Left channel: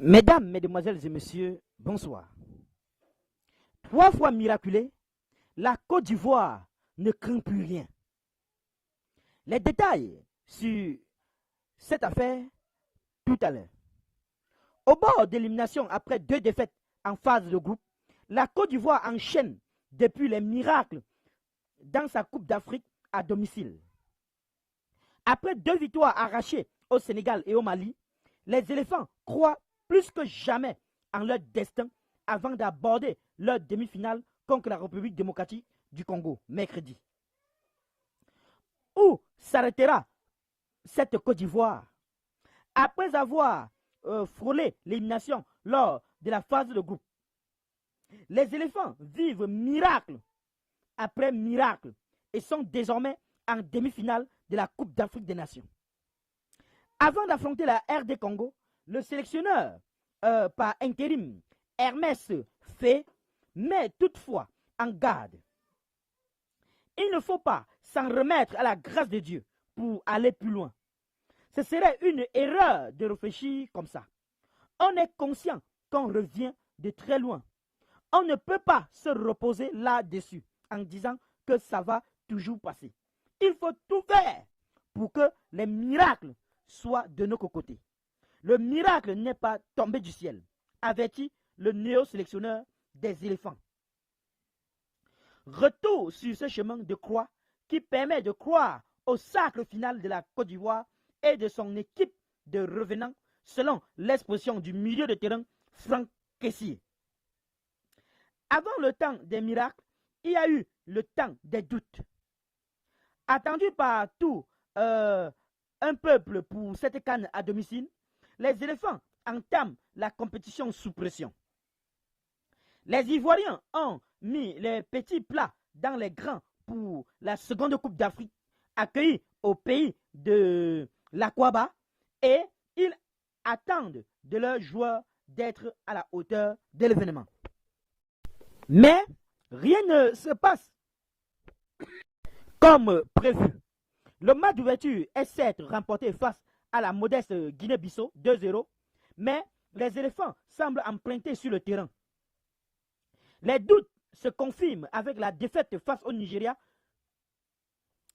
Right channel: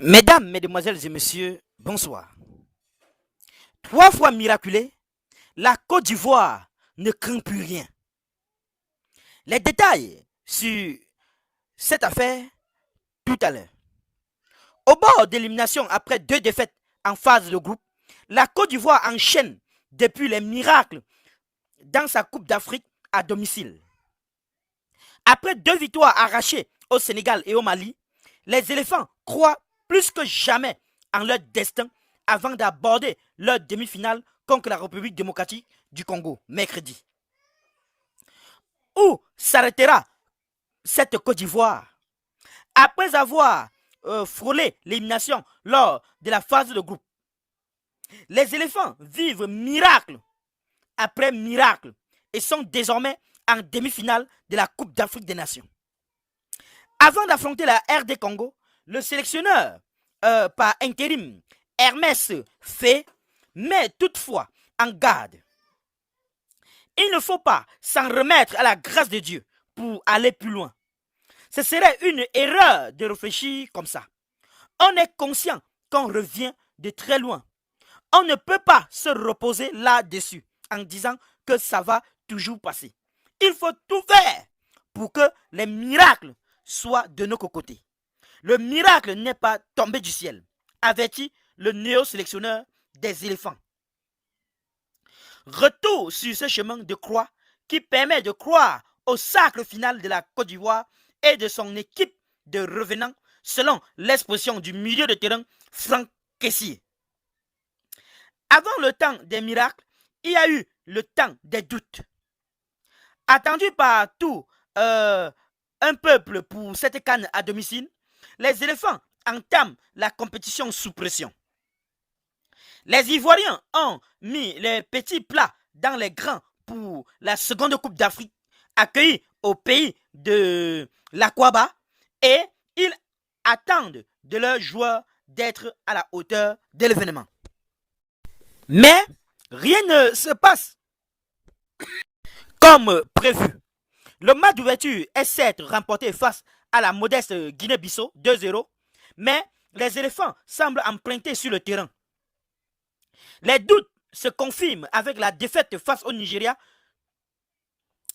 Mesdames, Mesdemoiselles et Messieurs, bonsoir. 3 fois miraculée, la Côte d'Ivoire ne craint plus rien. Les détails sur cette affaire tout à l'heure. Au bord d'élimination après 2 défaites en phase de groupe, la Côte d'Ivoire enchaîne depuis les miracles dans sa Coupe d'Afrique à domicile. Après 2 victoires arrachées au Sénégal et au Mali, les éléphants croient plus que jamais en leur destin avant d'aborder leur demi-finale contre la République démocratique du Congo mercredi. Où s'arrêtera cette Côte d'Ivoire? Après avoir frôlé l'élimination lors de la phase de groupe, les éléphants vivent miracle après miracle et sont désormais en demi-finale de la Coupe d'Afrique des Nations. Avant d'affronter la RD Congo, le sélectionneur par intérim Hermès Faé met toutefois en garde. Il ne faut pas s'en remettre à la grâce de Dieu pour aller plus loin. Ce serait une erreur de réfléchir comme ça. On est conscient qu'on revient de très loin. On ne peut pas se reposer là-dessus en disant que ça va toujours passer. Il faut tout faire pour que les miracles soient de notre côté. Le miracle n'est pas tombé du ciel, avertit le néo-sélectionneur des éléphants. Retour sur ce chemin de croix qui permet de croire au sacre final de la Côte d'Ivoire et de son équipe de revenants, selon l'expression du milieu de terrain Franck Kessié. Avant le temps des miracles, il y a eu le temps des doutes. Attendu par tout un peuple pour cette CAN à domicile, les éléphants entament la compétition sous pression. Les Ivoiriens ont mis les petits plats dans les grands pour la seconde Coupe d'Afrique accueillie au pays de l'Aquaba et ils attendent de leurs joueurs d'être à la hauteur de l'événement. Mais rien ne se passe comme prévu. Le match d'ouverture est certes remporté face à la modeste Guinée-Bissau 2-0, mais les éléphants semblent emprunter sur le terrain. Les doutes se confirment avec la défaite face au Nigeria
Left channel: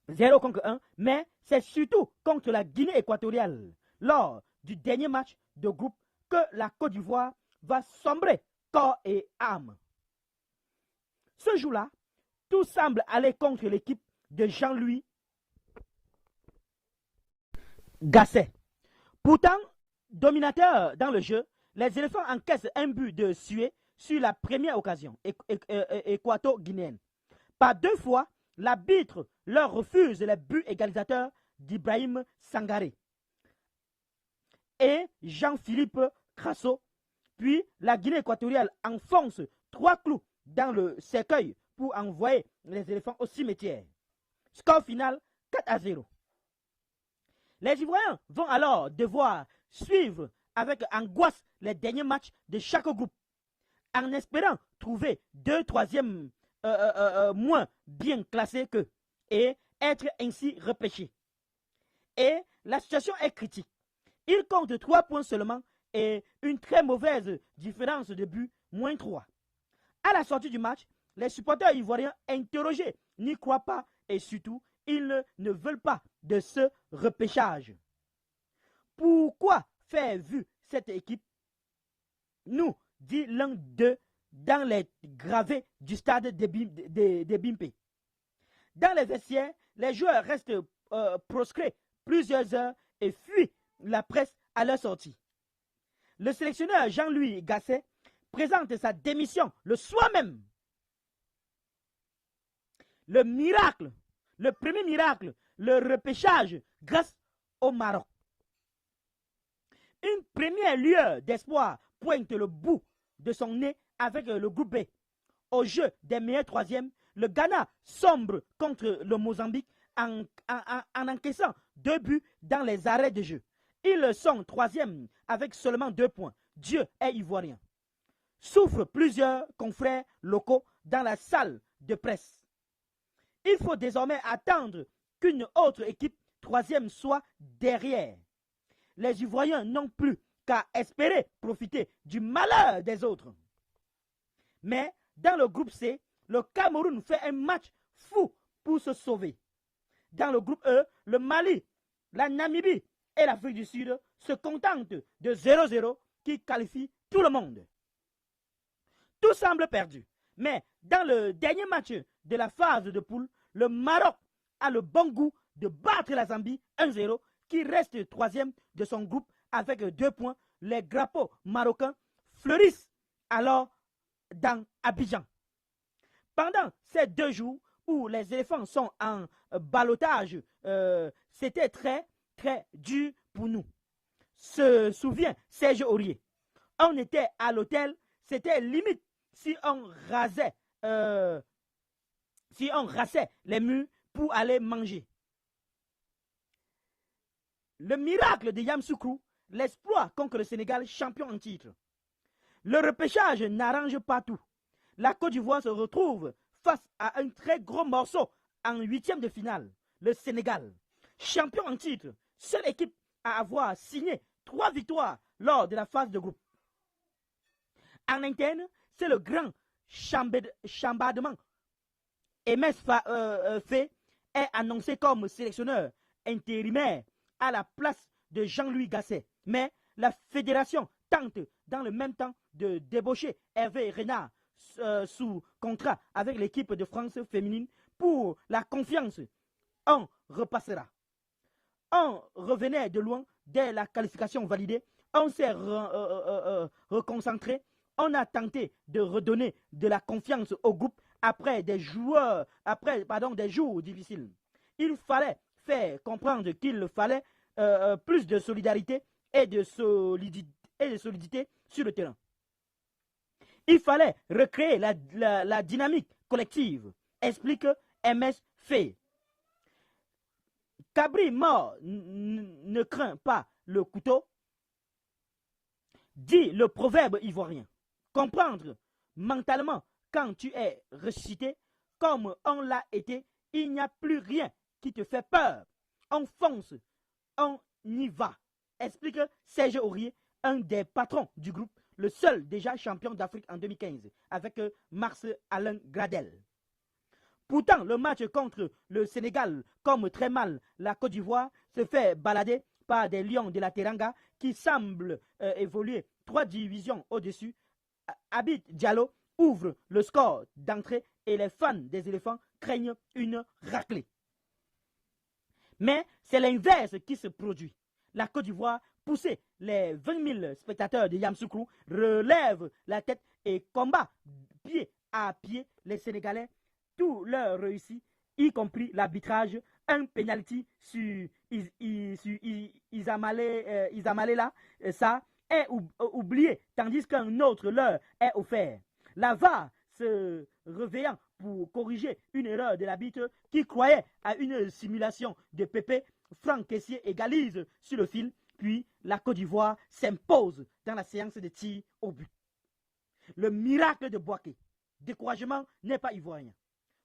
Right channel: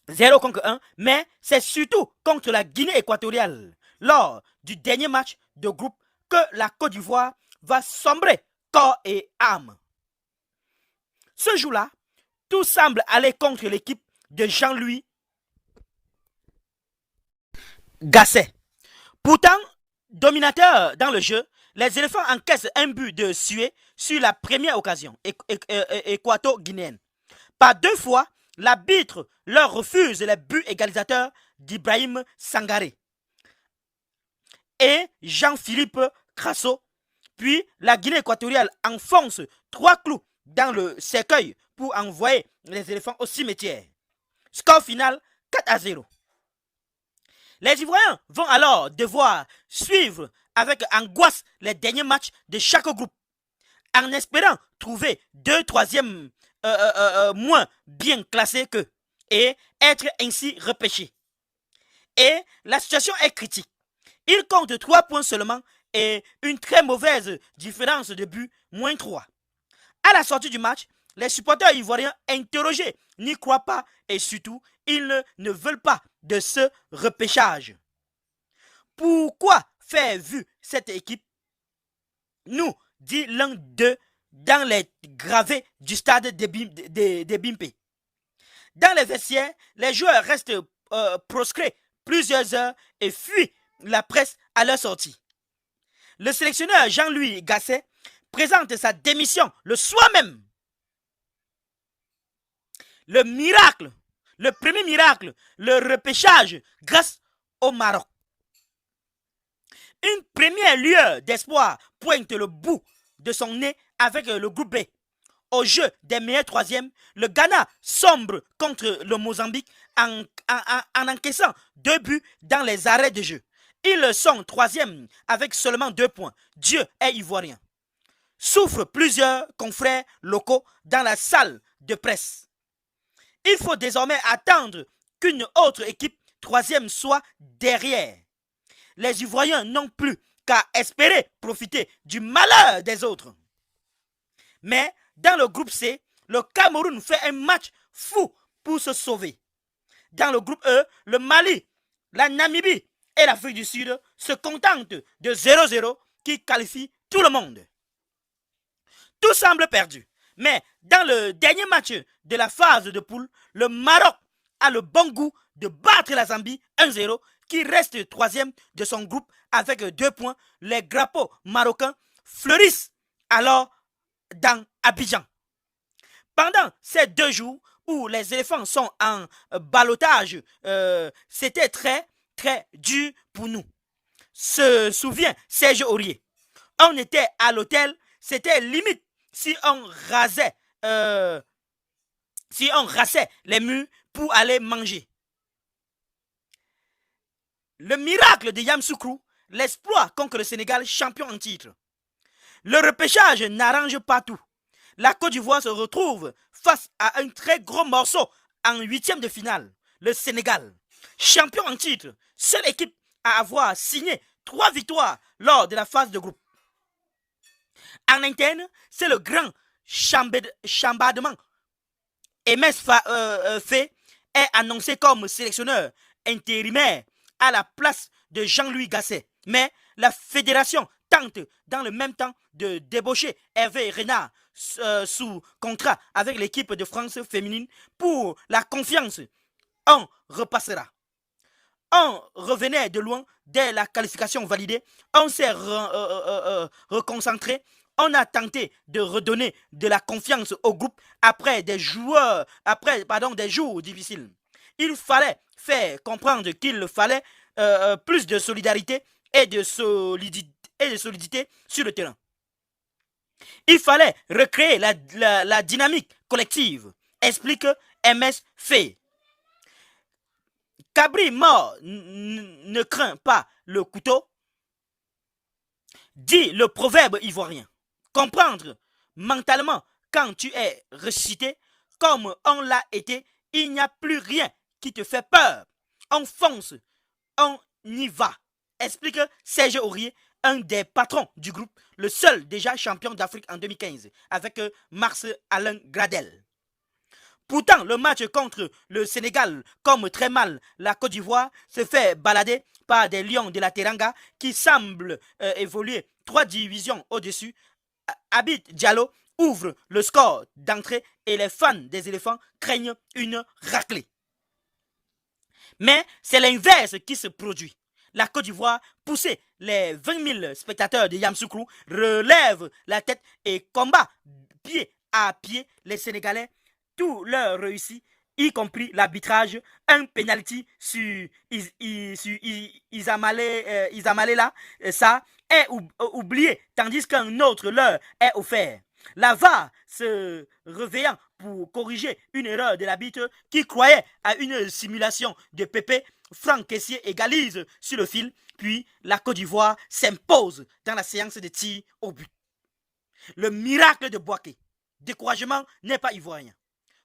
0-1, mais c'est surtout contre la Guinée équatoriale lors du dernier match de groupe que la Côte d'Ivoire va sombrer corps et âme. Ce jour-là, tout semble aller contre l'équipe de Jean-Louis Gasset. Pourtant, dominateur dans le jeu, les éléphants encaissent un but de Sué sur la première occasion équato-guinéenne. Par 2 fois, l'arbitre leur refuse les buts égalisateurs d'Ibrahim Sangaré et Jean-Philippe Crasso. Puis la Guinée équatoriale enfonce 3 clous dans le cercueil pour envoyer les éléphants au cimetière. Score final 4-0. Les Ivoiriens vont alors devoir suivre avec angoisse les derniers matchs de chaque groupe, en espérant trouver 2 troisièmes moins bien classés qu'eux et être ainsi repêchés. Et la situation est critique. Ils comptent 3 points seulement et une très mauvaise différence de but, -3. À la sortie du match, les supporters ivoiriens interrogés n'y croient pas et surtout, ils ne veulent pas de ce repêchage. Pourquoi faire vu cette équipe? Nous, dit l'un d'eux dans les gravés du stade de Bimpe. Dans les vestiaires, les joueurs restent proscrits plusieurs heures et fuient la presse à leur sortie. Le sélectionneur Jean-Louis Gasset présente sa démission le soir même. Le miracle, le premier miracle, le repêchage grâce au Maroc. Une première lueur d'espoir pointe le bout de son nez avec le groupe B. Au jeu des meilleurs troisièmes, le Ghana sombre contre le Mozambique en encaissant 2 buts dans les arrêts de jeu. Ils sont troisièmes avec seulement 2 points. Dieu est ivoirien. Souffrent plusieurs confrères locaux dans la salle de presse. Il faut désormais attendre qu'une autre équipe troisième soit derrière. Les Ivoiriens n'ont plus qu'à espérer profiter du malheur des autres. Mais dans le groupe C, le Cameroun fait un match fou pour se sauver. Dans le groupe E, le Mali, la Namibie et l'Afrique du Sud se contentent de 0-0 qui qualifie tout le monde. Tout semble perdu. Mais dans le dernier match de la phase de poule, le Maroc a le bon goût de battre la Zambie 1-0 qui reste troisième de son groupe avec 2 points. Les drapeaux marocains fleurissent alors dans Abidjan. Pendant ces 2 jours où les éléphants sont en ballottage, c'était très dur pour nous. Se souvient Serge Aurier. On était à l'hôtel, c'était limite si on rasait les murs pour aller manger. Le miracle de Yamoussoukro, l'exploit contre le Sénégal, champion en titre. Le repêchage n'arrange pas tout. La Côte d'Ivoire se retrouve face à un très gros morceau en 8e de finale, le Sénégal. Champion en titre, seule équipe à avoir signé 3 victoires lors de la phase de groupe. En interne, c'est le grand chambardement. MS Faye est annoncé comme sélectionneur intérimaire à la place de Jean-Louis Gasset. Mais la fédération tente dans le même temps de débaucher Hervé Renard sous contrat avec l'équipe de France féminine pour la confiance. On repassera. On revenait de loin dès la qualification validée. On s'est reconcentré. On a tenté de redonner de la confiance au groupe après des jours difficiles. Il fallait faire comprendre qu'il fallait plus de solidarité et de solidité sur le terrain. Il fallait recréer la dynamique collective, explique MS Faye. Cabri mort ne craint pas le couteau, dit le proverbe ivoirien. Comprendre mentalement quand tu es ressuscité, comme on l'a été, il n'y a plus rien qui te fait peur. On fonce, on y va, explique Serge Aurier, un des patrons du groupe, le seul déjà champion d'Afrique en 2015, avec Mars-Alain Gradel. Pourtant, le match contre le Sénégal, comme très mal la Côte d'Ivoire, se fait balader par des Lions de la Teranga qui semblent évoluer 3 divisions au-dessus. Abid Diallo ouvre le score d'entrée et les fans des éléphants craignent une raclée. Mais c'est l'inverse qui se produit. La Côte d'Ivoire, poussée, les 20 000 spectateurs de Yamoussoukro relèvent la tête et combat pied à pied les Sénégalais. Tout leur réussit, y compris l'arbitrage, un penalty sur Isamalé ça est oublié, tandis qu'un autre leur est offert. La VAR se réveillant pour corriger une erreur de l'arbitre qui croyait à une simulation de Pépé, Franck Kessié égalise sur le fil, puis la Côte d'Ivoire s'impose dans la séance de tir au but. Le miracle de Bouaké. Découragement n'est pas ivoirien.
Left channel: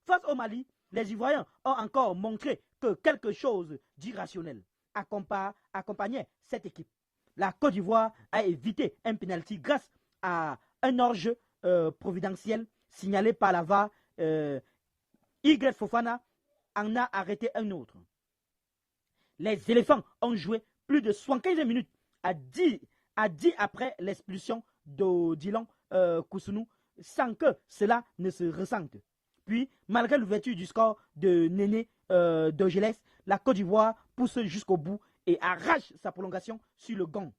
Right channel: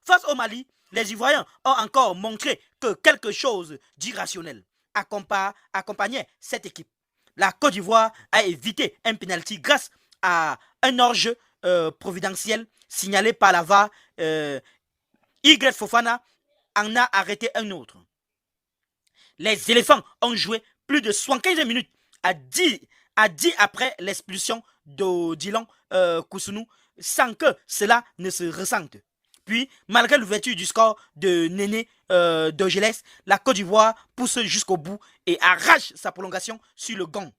Face au Mali, les Ivoiriens ont encore montré que quelque chose d'irrationnel accompagnait cette équipe. La Côte d'Ivoire a évité un penalty grâce à un hors-jeu providentiel signalé par la VAR. Y Fofana en a arrêté un autre. Les éléphants ont joué plus de 75 minutes à 10 après l'expulsion d'Odilon Koussounou sans que cela ne se ressente. Puis, malgré l'ouverture du score de Néné Dogelès, la Côte d'Ivoire pousse jusqu'au bout et arrache sa prolongation sur le gong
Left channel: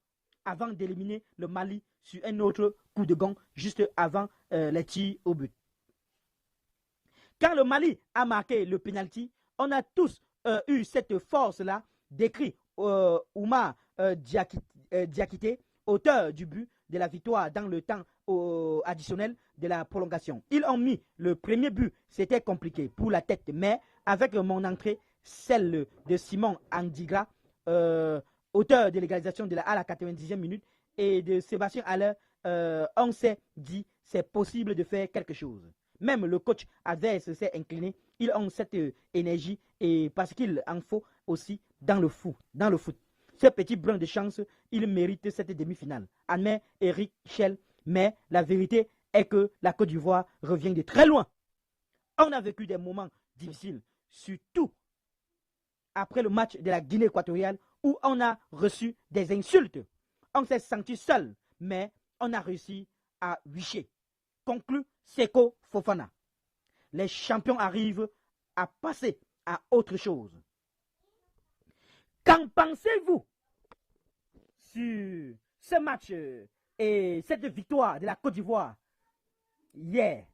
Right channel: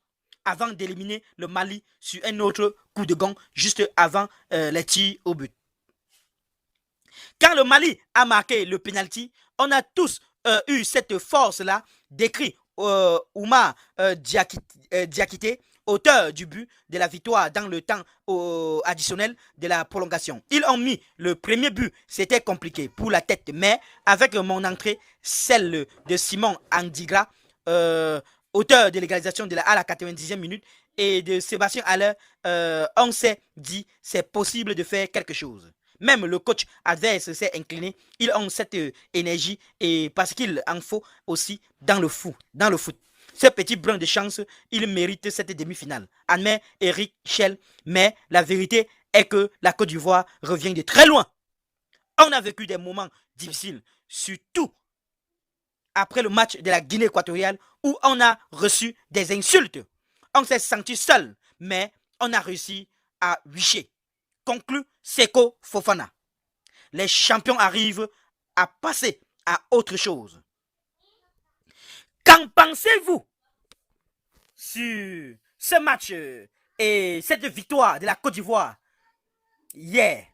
avant d'éliminer le Mali sur un autre coup de gong juste avant les tirs au but. Quand le Mali a marqué le penalty, on a tous eu cette force-là, décrit Oumar Diakité, auteur du but de la victoire dans le temps additionnel de la prolongation. Ils ont mis le premier but, c'était compliqué pour la tête, mais avec mon entrée, celle de Simon Andigra, auteur de l'égalisation à la 90e minute, et de Sébastien Haller, on s'est dit c'est possible de faire quelque chose. Même le coach adverse s'est incliné. Ils ont cette énergie et parce qu'il en faut aussi dans le foot. Ce petit brin de chance, il mérite cette demi-finale. Admet Eric Schell, mais la vérité est que la Côte d'Ivoire revient de très loin. On a vécu des moments difficiles, surtout après le match de la Guinée équatoriale où on a reçu des insultes. On s'est senti seul, mais on a réussi à wicher. Conclut Seko Fofana. Les champions arrivent à passer à autre chose. Qu'en pensez-vous sur ce match et cette victoire de la Côte d'Ivoire hier?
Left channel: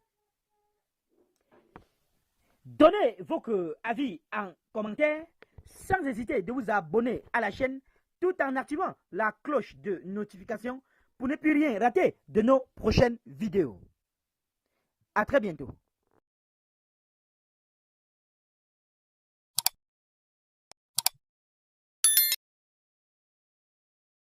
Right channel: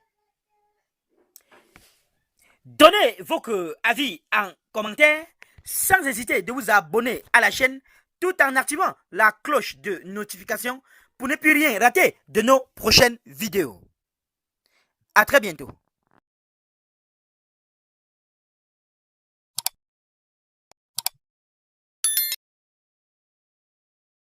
Donnez vos avis en commentaire sans hésiter de vous abonner à la chaîne tout en activant la cloche de notification pour ne plus rien rater de nos prochaines vidéos. À très bientôt.